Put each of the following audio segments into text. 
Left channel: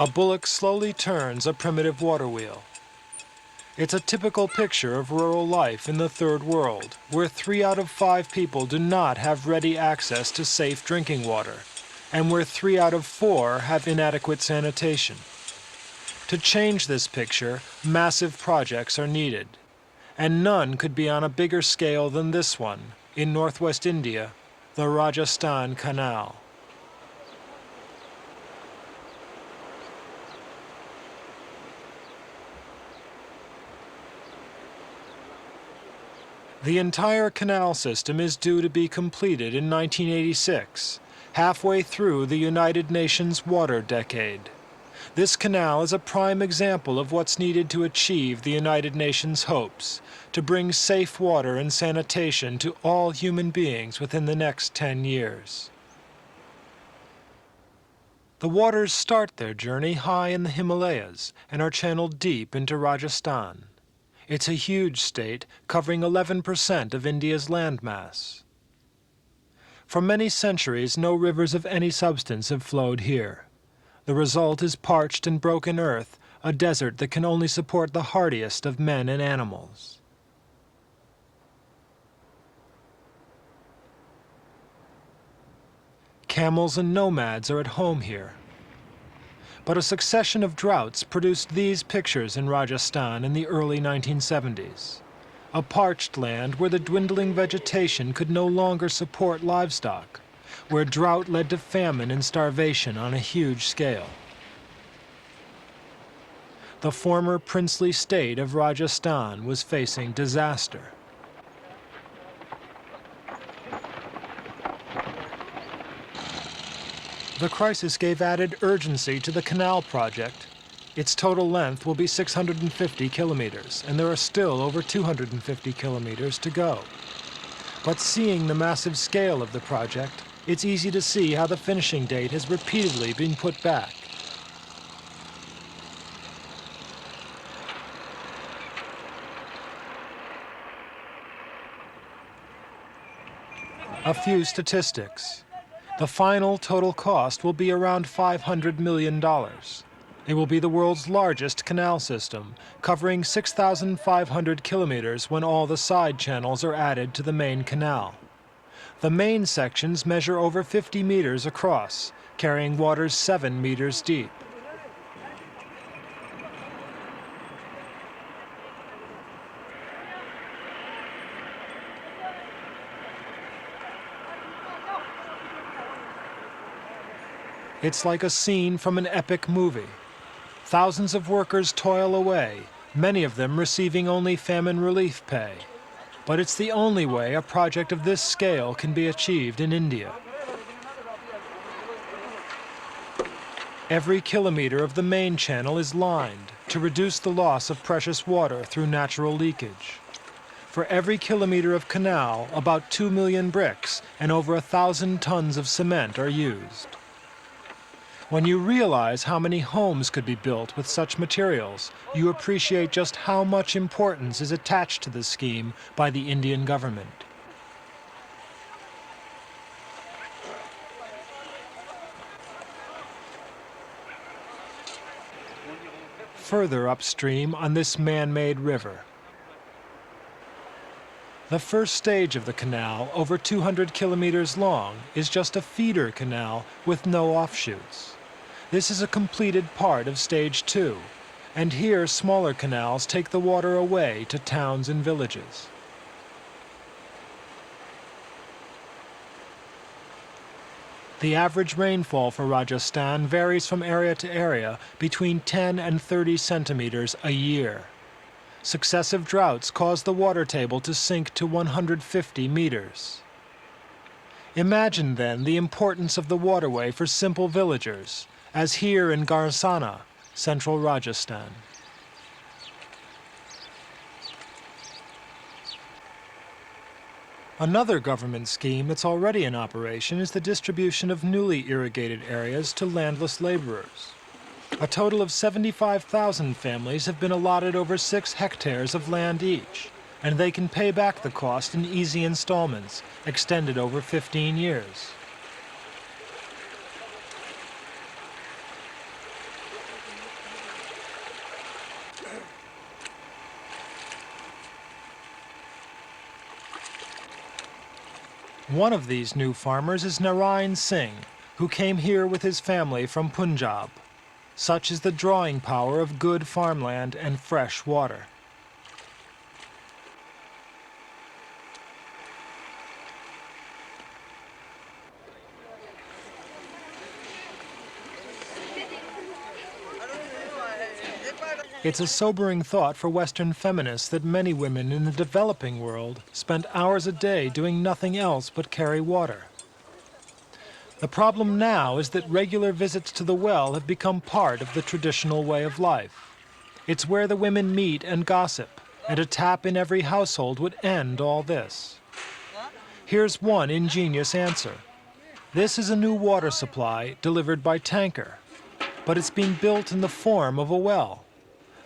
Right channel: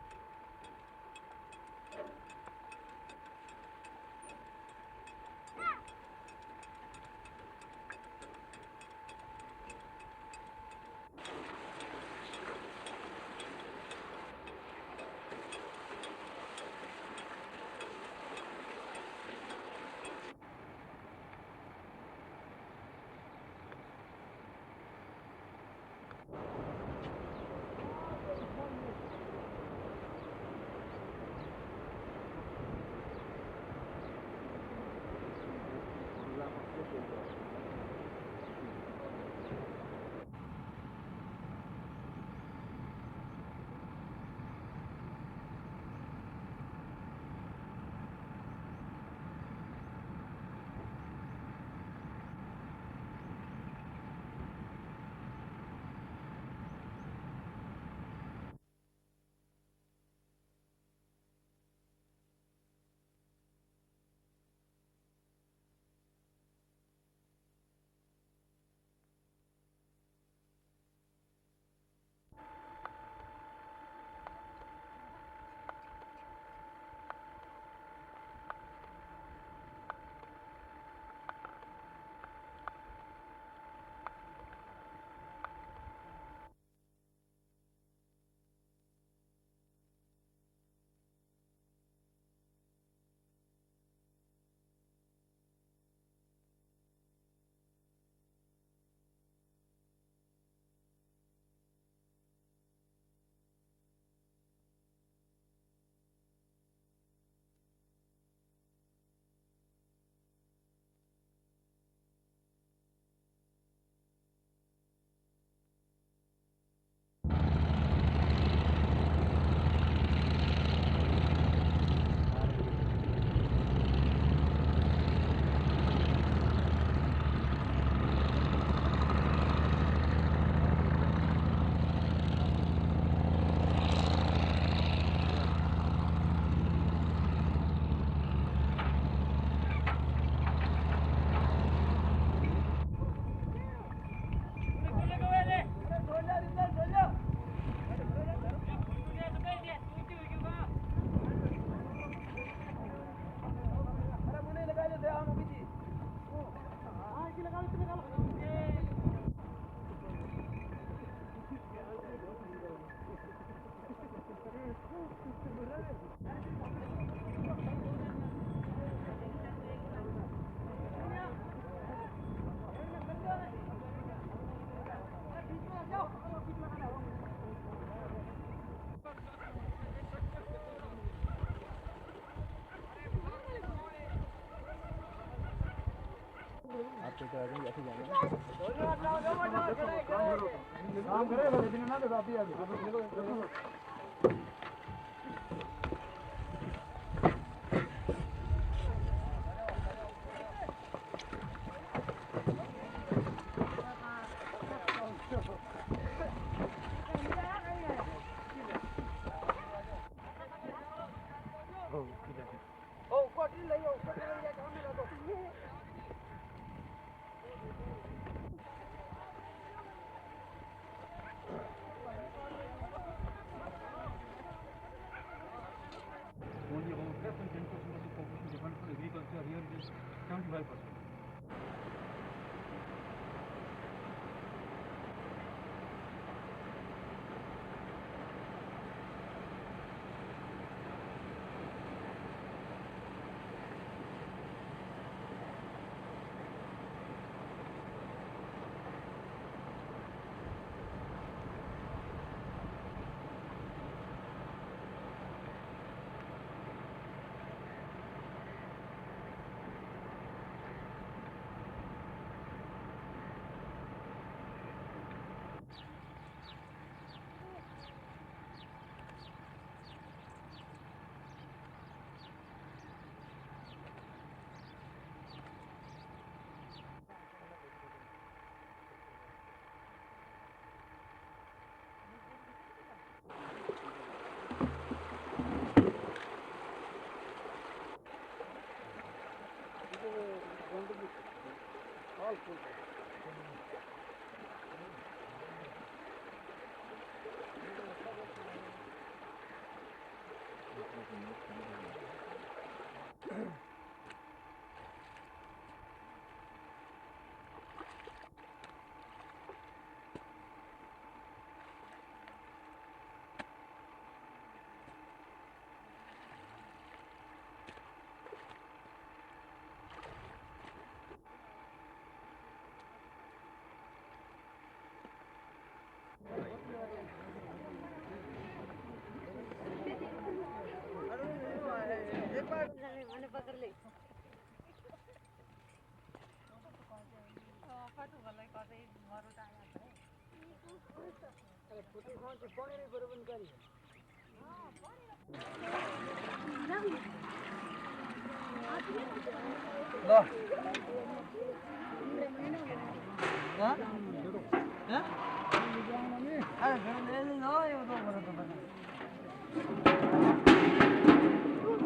A bullock slowly turns a primitive water wheel. It's a typical picture of rural life in the Third World, where 3 out of 5 people do not have ready access to safe drinking water, and where 3 out of 4 have inadequate sanitation. To change this picture, massive projects are needed, and none could be on a bigger scale than this one in northwest India, the Rajasthan Canal. The entire canal system is due to be completed in 1986, halfway through the United Nations water decade. This canal is a prime example of what's needed to achieve the United Nations hopes, to bring safe water and sanitation to all human beings within the next 10 years. The waters start their journey high in the Himalayas and are channeled deep into Rajasthan. It's a huge state, covering 11% of India's landmass. For many centuries, no rivers of any substance have flowed here. The result is parched and broken earth, a desert that can only support the hardiest of men and animals. Camels and nomads are at home here. But a succession of droughts produced these pictures in Rajasthan in the early 1970s. A parched land where the dwindling vegetation could no longer support livestock, where drought led to famine and starvation on a huge scale. The former princely state of Rajasthan was facing disaster. The crisis gave added urgency to the canal project. Its total length will be 650 kilometers, and there are still over 250 kilometers to go. But seeing the massive scale of the project, it's easy to see how the finishing date has repeatedly been put back. A few statistics. The final total cost will be around $500 million. It will be the world's largest canal system, covering 6,500 kilometers when all the side channels are added to the main canal. The main sections measure over 50 meters across, carrying waters 7 meters deep. It's like a scene from an epic movie. Thousands of workers toil away, many of them receiving only famine relief pay. But it's the only way a project of this scale can be achieved in India. Every kilometer of the main channel is lined to reduce the loss of precious water through natural leakage. For every kilometer of canal, about 2 million bricks and over 1,000 tons of cement are used. When you realize how many homes could be built with such materials, you appreciate just how much importance is attached to the scheme by the Indian government. Further upstream on this man-made river, the first stage of the canal, over 200 kilometers long, is just a feeder canal with no offshoots. This is a completed part of Stage 2, and here smaller canals take the water away to towns and villages. The average rainfall for Rajasthan varies from area to area between 10 and 30 centimeters a year. Successive droughts cause the water table to sink to 150 meters. Imagine then the importance of the waterway for simple villagers, as here in Garsana, central Rajasthan. Another government scheme that's already in operation is the distribution of newly irrigated areas to landless laborers. A total of 75,000 families have been allotted over 6 hectares of land each, and they can pay back the cost in easy installments, extended over 15 years. One of these new farmers is Narayan Singh, who came here with his family from Punjab. Such is the drawing power of good farmland and fresh water. It's a sobering thought for Western feminists that many women in the developing world spend hours a day doing nothing else but carry water. The problem now is that regular visits to the well have become part of the traditional way of life. It's where the women meet and gossip, and a tap in every household would end all this. Here's one ingenious answer. This is a new water supply delivered by tanker, but it's being built in the form of a well.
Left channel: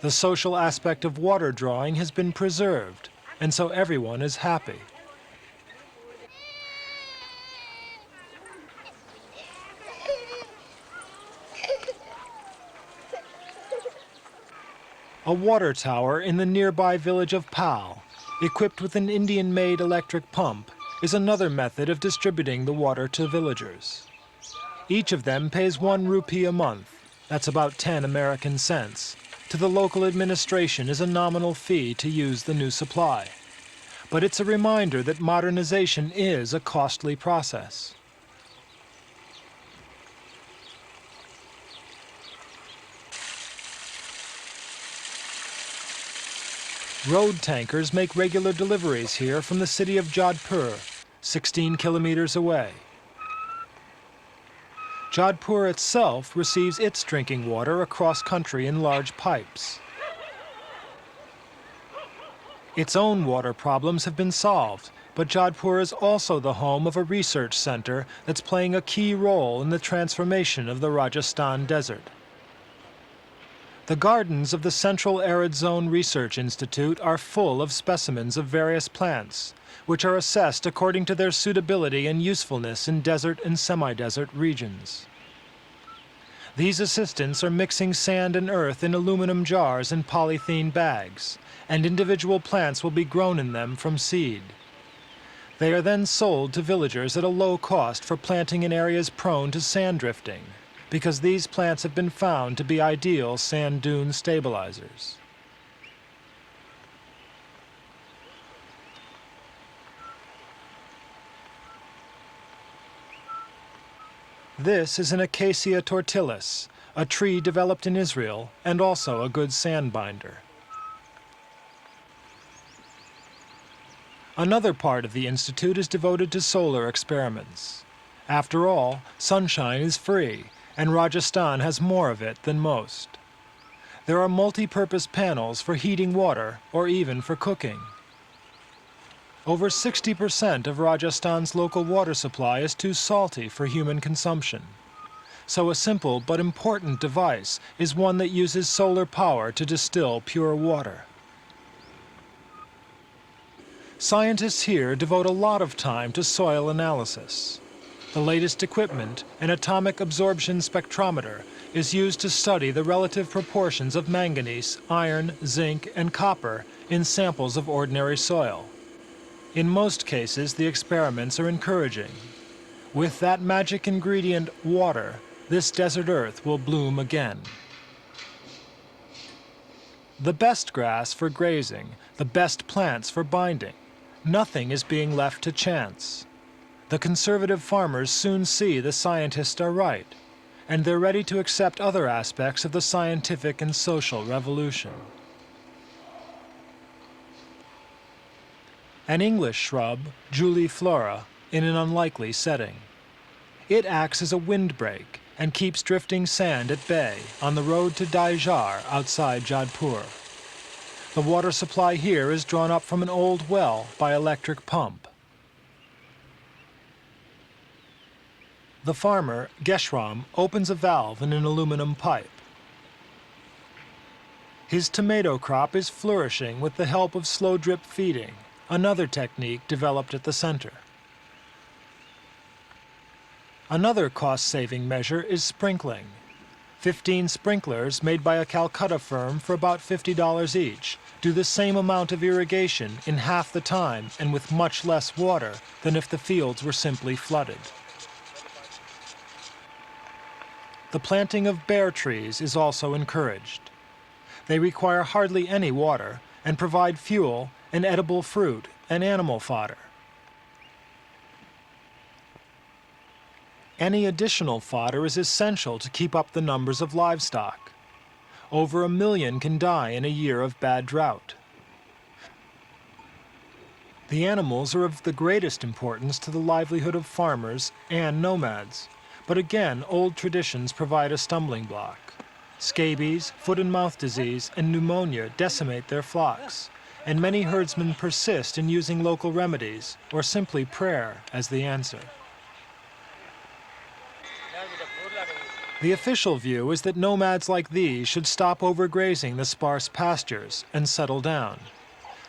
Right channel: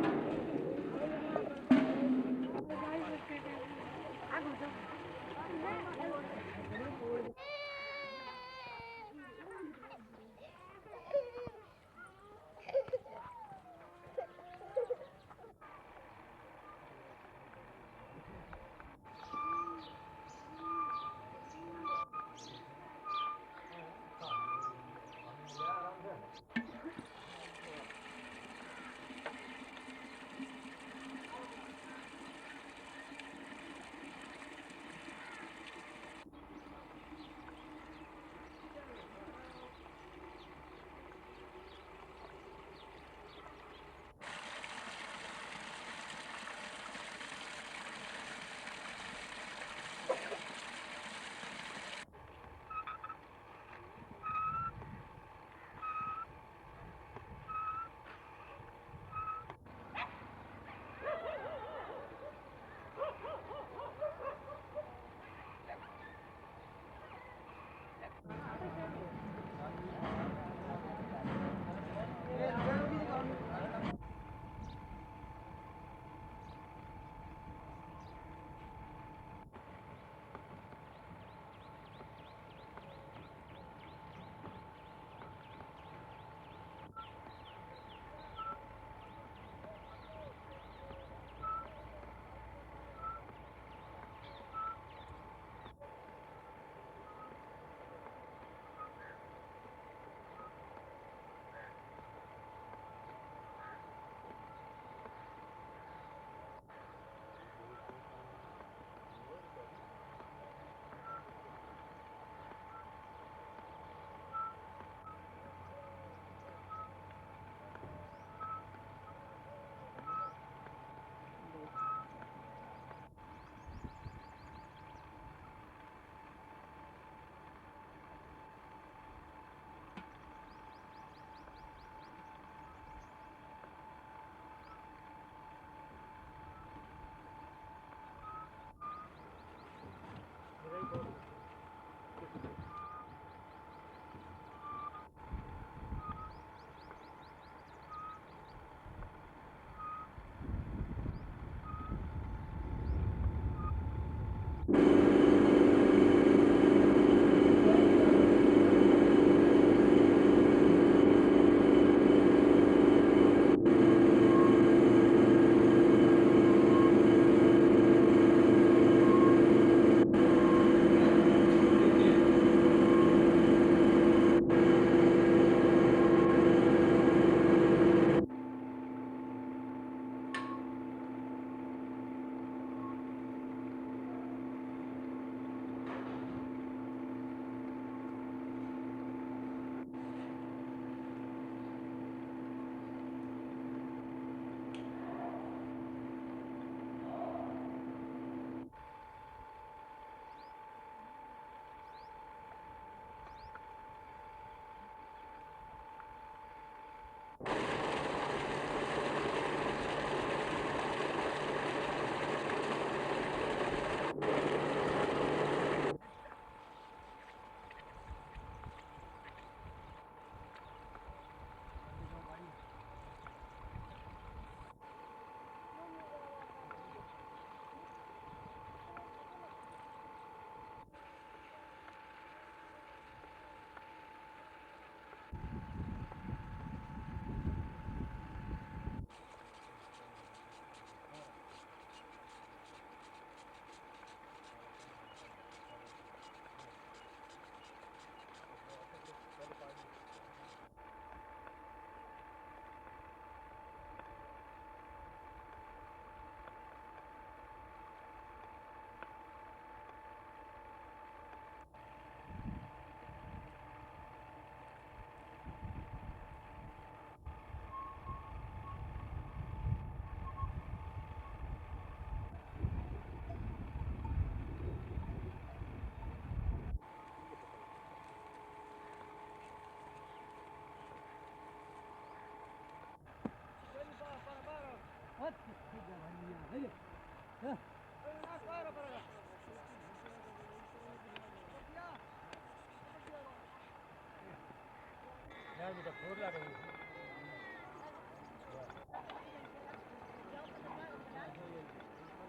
The social aspect of water drawing has been preserved, and so everyone is happy. A water tower in the nearby village of Pal, equipped with an Indian-made electric pump, is another method of distributing the water to villagers. Each of them pays 1 rupee a month, that's about 10 American cents, to the local administration as a nominal fee to use the new supply. But it's a reminder that modernization is a costly process. Road tankers make regular deliveries here from the city of Jodhpur, 16 kilometers away. Jodhpur itself receives its drinking water across country in large pipes. Its own water problems have been solved, but Jodhpur is also the home of a research center that's playing a key role in the transformation of the Rajasthan desert. The gardens of the Central Arid Zone Research Institute are full of specimens of various plants, which are assessed according to their suitability and usefulness in desert and semi-desert regions. These assistants are mixing sand and earth in aluminum jars and polythene bags, and individual plants will be grown in them from seed. They are then sold to villagers at a low cost for planting in areas prone to sand drifting, because these plants have been found to be ideal sand dune stabilizers. This is an Acacia tortilis, a tree developed in Israel and also a good sand binder. Another part of the institute is devoted to solar experiments. After all, sunshine is free, and Rajasthan has more of it than most. There are multi-purpose panels for heating water or even for cooking. Over 60% of Rajasthan's local water supply is too salty for human consumption. So a simple but important device is one that uses solar power to distill pure water. Scientists here devote a lot of time to soil analysis. The latest equipment, an atomic absorption spectrometer, is used to study the relative proportions of manganese, iron, zinc, and copper in samples of ordinary soil. In most cases, the experiments are encouraging. With that magic ingredient, water, this desert earth will bloom again. The best grass for grazing, the best plants for binding. Nothing is being left to chance. The conservative farmers soon see the scientists are right, and they're ready to accept other aspects of the scientific and social revolution. An English shrub, Juliflora, in an unlikely setting. It acts as a windbreak and keeps drifting sand at bay on the road to Daijar outside Jodhpur. The water supply here is drawn up from an old well by electric pump. The farmer, Geshram, opens a valve in an aluminum pipe. His tomato crop is flourishing with the help of slow drip feeding, another technique developed at the center. Another cost-saving measure is sprinkling. 15 sprinklers made by a Calcutta firm for about $50 each do the same amount of irrigation in half the time and with much less water than if the fields were simply flooded. The planting of bare trees is also encouraged. They require hardly any water and provide fuel and edible fruit and animal fodder. Any additional fodder is essential to keep up the numbers of livestock. Over 1 million can die in a year of bad drought. The animals are of the greatest importance to the livelihood of farmers and nomads. But again, old traditions provide a stumbling block. Scabies, foot and mouth disease, and pneumonia decimate their flocks, and many herdsmen persist in using local remedies or simply prayer as the answer. The official view is that nomads like these should stop overgrazing the sparse pastures and settle down.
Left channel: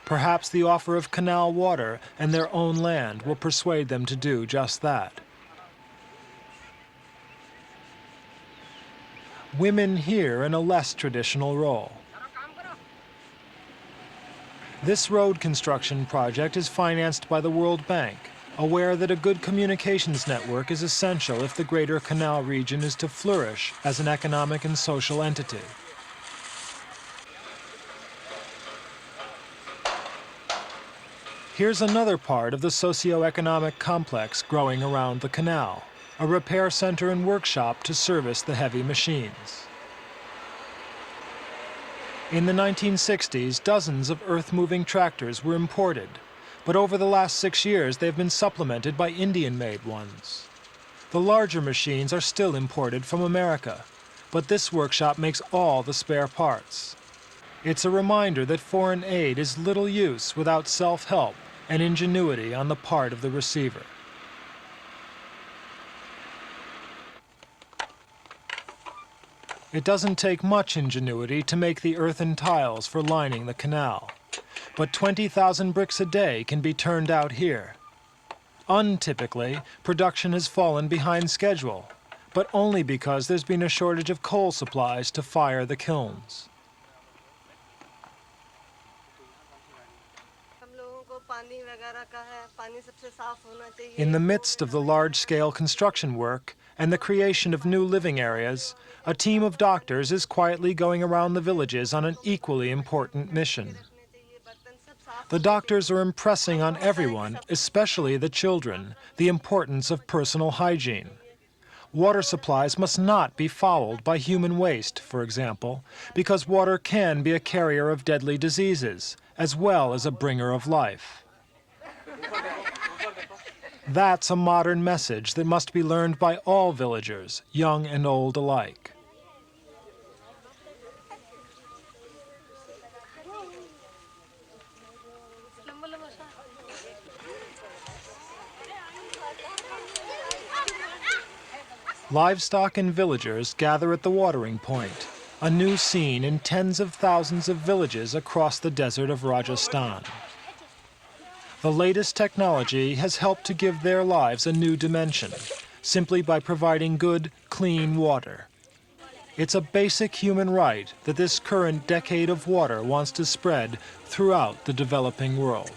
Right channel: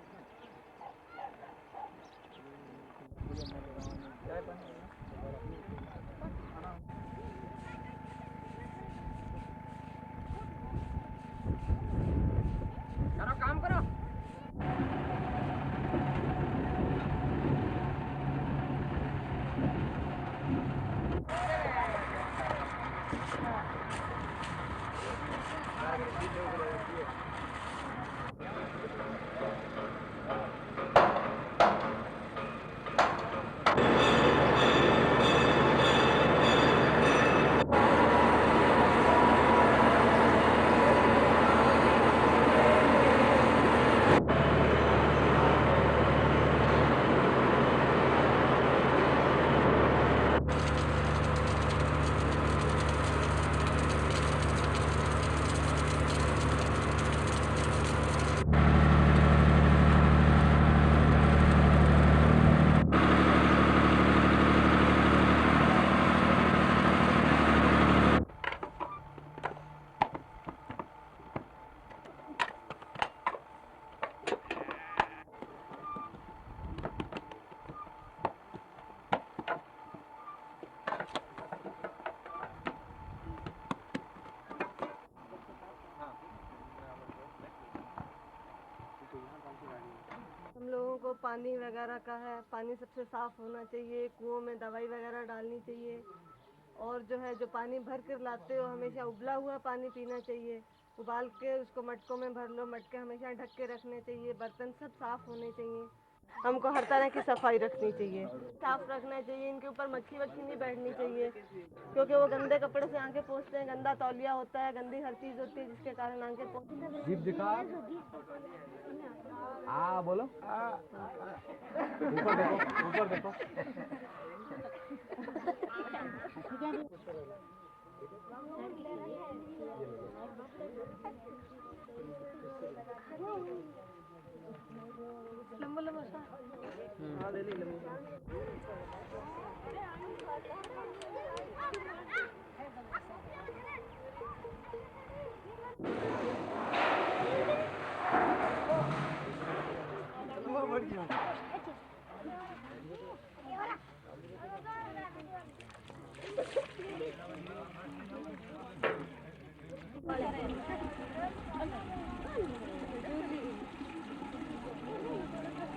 Perhaps the offer of canal water and their own land will persuade them to do just that. Women here in a less traditional role. This road construction project is financed by the World Bank, aware that a good communications network is essential if the Greater Canal region is to flourish as an economic and social entity. Here's another part of the socio-economic complex growing around the canal, a repair center and workshop to service the heavy machines. In the 1960s, dozens of earth-moving tractors were imported, but over the last 6 years, they've been supplemented by Indian-made ones. The larger machines are still imported from America, but this workshop makes all the spare parts. It's a reminder that foreign aid is little use without self-help and ingenuity on the part of the receiver. It doesn't take much ingenuity to make the earthen tiles for lining the canal. But 20,000 bricks a day can be turned out here. Untypically, production has fallen behind schedule, but only because there's been a shortage of coal supplies to fire the kilns. In the midst of the large-scale construction work and the creation of new living areas, a team of doctors is quietly going around the villages on an equally important mission. The doctors are impressing on everyone, especially the children, the importance of personal hygiene. Water supplies must not be fouled by human waste, for example, because water can be a carrier of deadly diseases, as well as a bringer of life. That's a modern message that must be learned by all villagers, young and old alike. Livestock and villagers gather at the watering point, a new scene in tens of thousands of villages across the desert of Rajasthan. The latest technology has helped to give their lives a new dimension, simply by providing good, clean water. It's a basic human right that this current decade of water wants to spread throughout the developing world.